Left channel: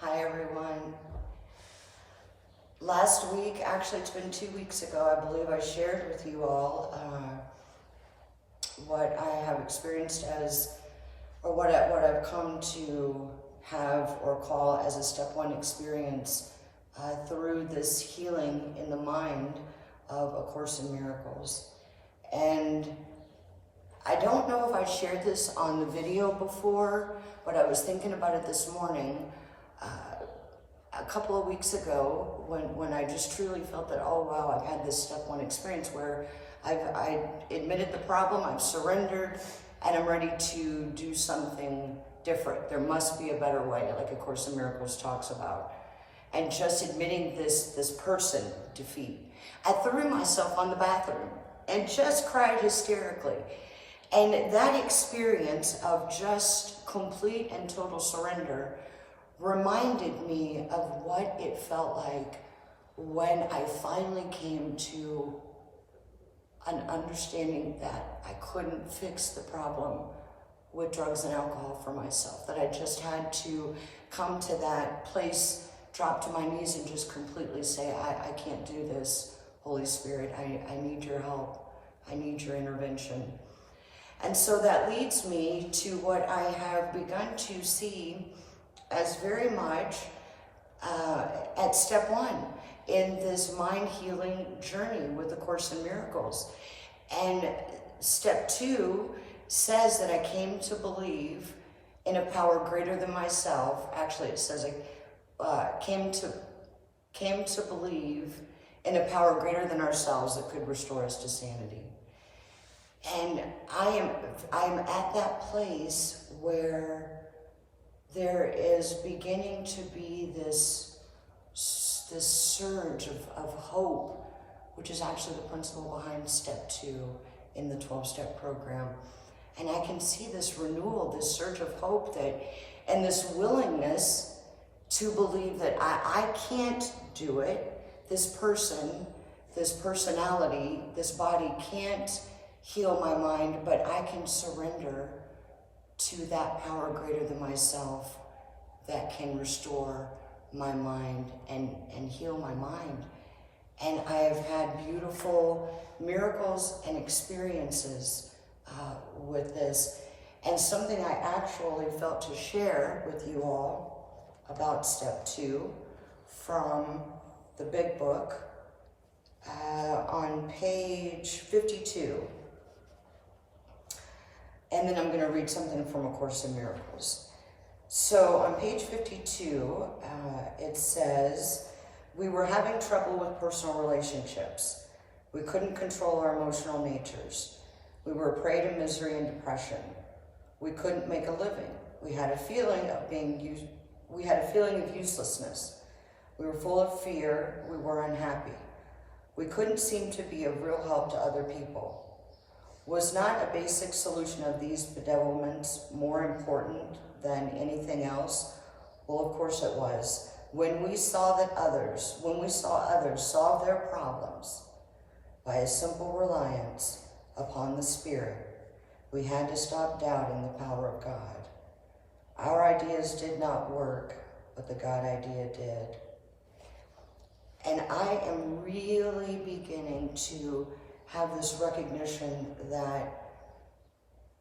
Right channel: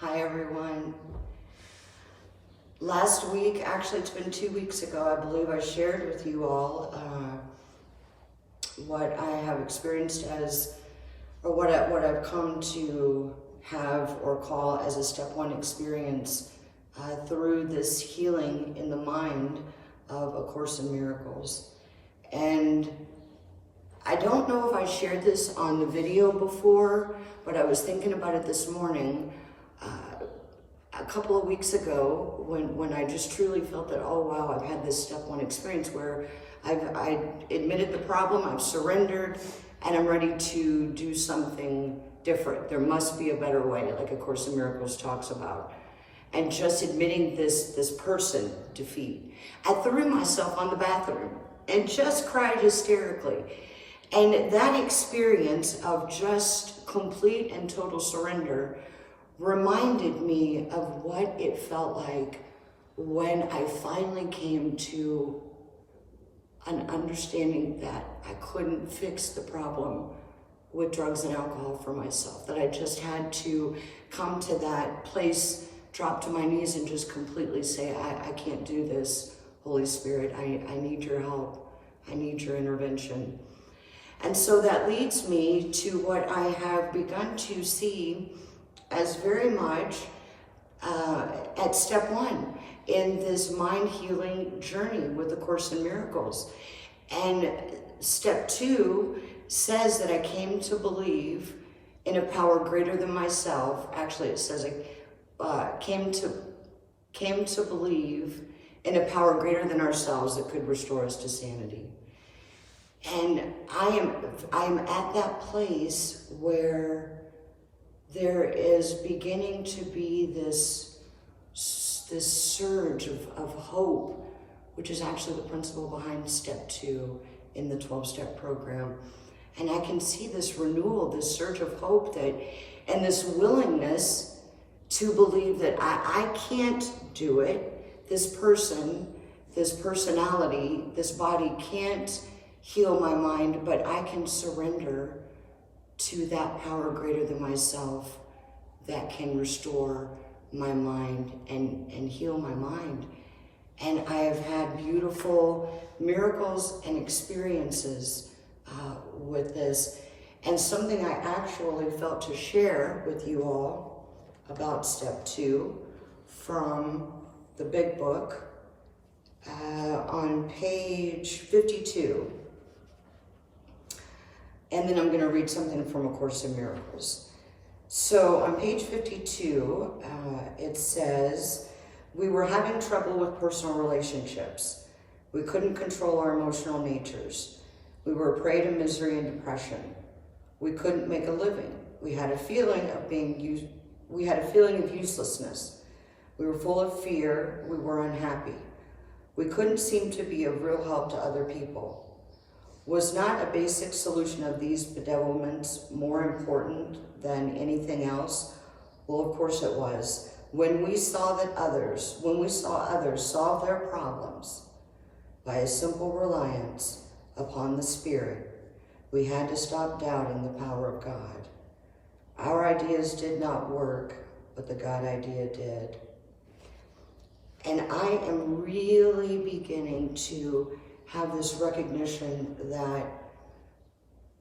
Hi everyone. Last week, actually it's been 2 weeks ago, I believe I shared with you all what I have experienced as, or what I've come to have or call as a step one experience through this healing in the mind of A Course in Miracles. And I don't know if I shared this on the video before, but I was thinking about it this morning. A couple of weeks ago, when I just truly felt that, oh wow, I've had this step one experience where I admitted the problem, I've surrendered, and I'm ready to do something different. There must be a better way, like A Course in Miracles talks about. And just admitting this person defeat. I threw myself on the bathroom and just cried hysterically. And that experience of just complete and total surrender reminded me of what it felt like when I finally came to an understanding that I couldn't fix the problem with drugs and alcohol for myself, that I just had to come to that place, drop to my knees and just completely say, I can't do this, Holy Spirit, I need your help, I need your intervention. And so that leads me to what I have begun to see as very much at step one in this mind healing journey with A Course in Miracles. And step two says that I came to believe in a power greater than myself. Actually, it says I came to believe in a power greater than ourselves that could restore us to sanity. And I'm at that place where there is beginning to be this surge of hope, which is actually the principle behind step two in the 12-step program. And I can see this renewal, this surge of hope and this willingness to believe that I can't do it. This person, this personality, this body can't heal my mind, but I can surrender to that power greater than myself that can restore my mind and heal my mind. And I have had beautiful miracles and experiences with this. And something I actually felt to share with you all about step two from the big book on page 52. And then I'm going to read something from A Course in Miracles. So on page 52, it says, we were having trouble with personal relationships. We couldn't control our emotional natures. We were a prey to misery and depression. We couldn't make a living. We had a feeling of uselessness. We were full of fear. We were unhappy. We couldn't seem to be of real help to other people. Was not a basic solution of these bedevilments more important than anything else? Well, of course it was. When we saw others solve their problems by a simple reliance upon the Spirit, we had to stop doubting the power of God. Our ideas did not work, but the God idea did. And I am really beginning to have this recognition that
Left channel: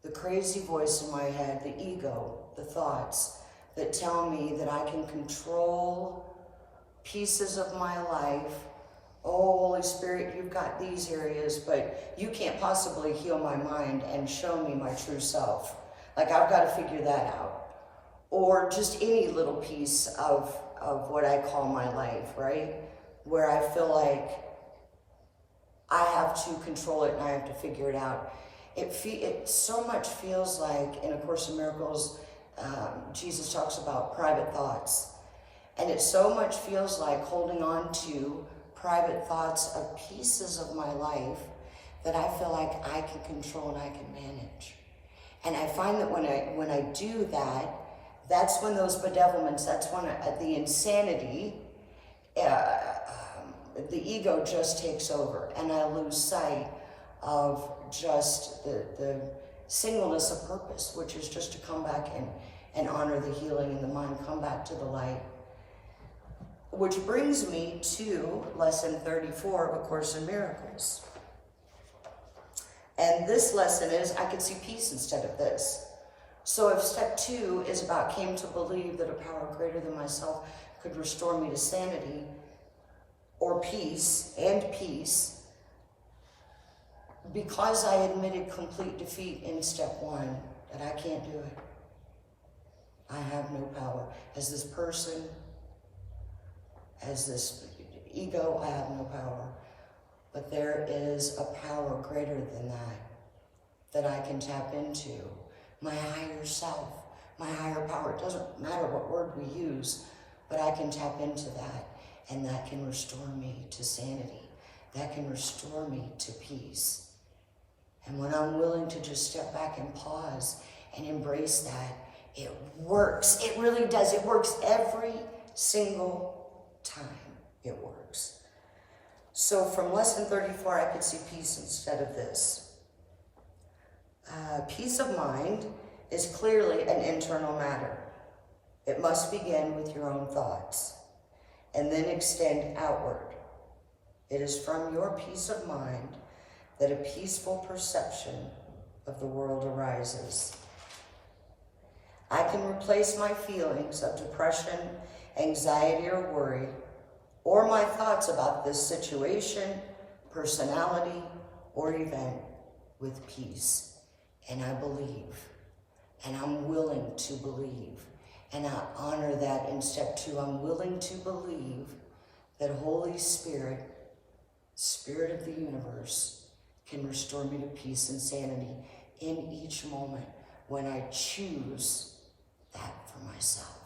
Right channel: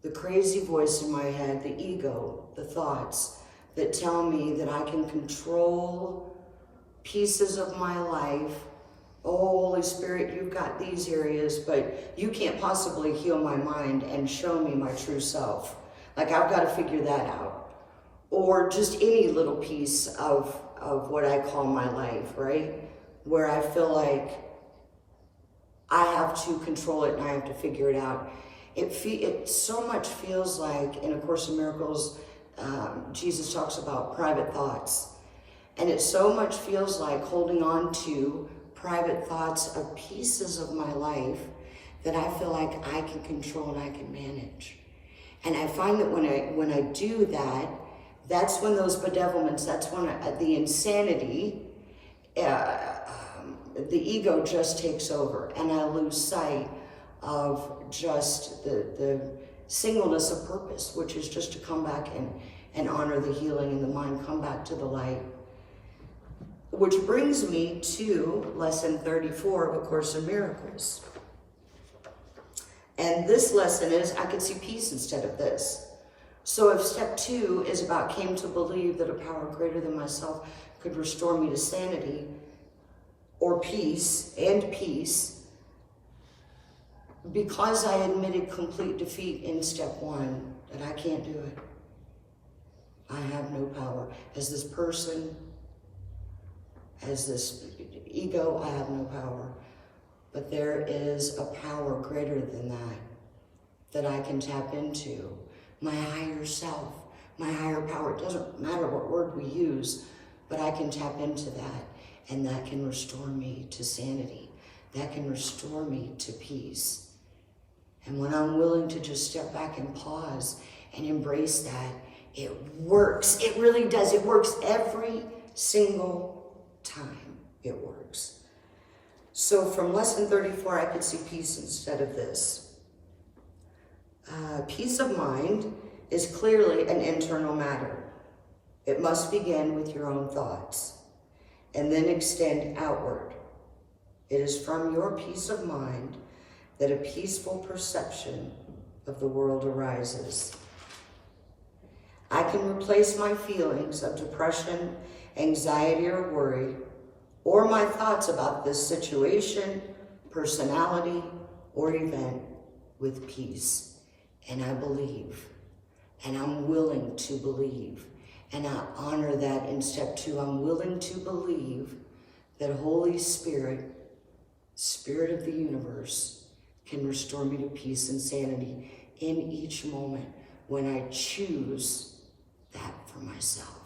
the crazy voice in my head, the ego, the thoughts that tell me that I can control pieces of my life. Oh, Holy Spirit, you've got these areas, but you can't possibly heal my mind and show me my true self. Like, I've got to figure that out. Or just any little piece of what I call my life, right? Where I feel like I have to control it and I have to figure it out. It so much feels like in A Course in Miracles, Jesus talks about private thoughts. And it so much feels like holding on to private thoughts of pieces of my life that I feel like I can control and I can manage. And I find that when I do that, that's when those bedevilments, that's when the insanity, the ego just takes over, and I lose sight of just the singleness of purpose, which is just to come back and honor the healing in the mind, come back to the light, which brings me to lesson 34 of A Course in Miracles. And this lesson is, I could see peace instead of this. So if step 2 is about came to believe that a power greater than myself could restore me to sanity or peace, because I admitted complete defeat in step 1, that I can't do it. I have no power. As this person, as this ego, I have no power. But there is a power greater than that I can tap into. My higher self, my higher power. It doesn't matter what word we use, but I can tap into that, and that can restore me to sanity. That can restore me to peace. And when I'm willing to just step back and pause and embrace that, it works. It really does. It works every single time. It works. So from lesson 34, I could see peace instead of this. Peace of mind is clearly an internal matter. It must begin with your own thoughts and then extend outward. It is from your peace of mind that a peaceful perception of the world arises. I can replace my feelings of depression, anxiety, or worry, or my thoughts about this situation, personality, or event with peace. And I believe, and I'm willing to believe, and I honor that in step 2. I'm willing to believe that Holy Spirit, Spirit of the universe, can restore me to peace and sanity in each moment when I choose that for myself.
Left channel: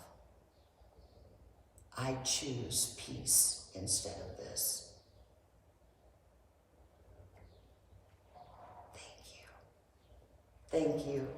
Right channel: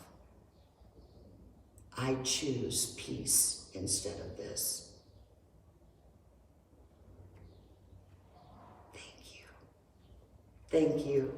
I choose peace instead of this. Thank you. Thank you.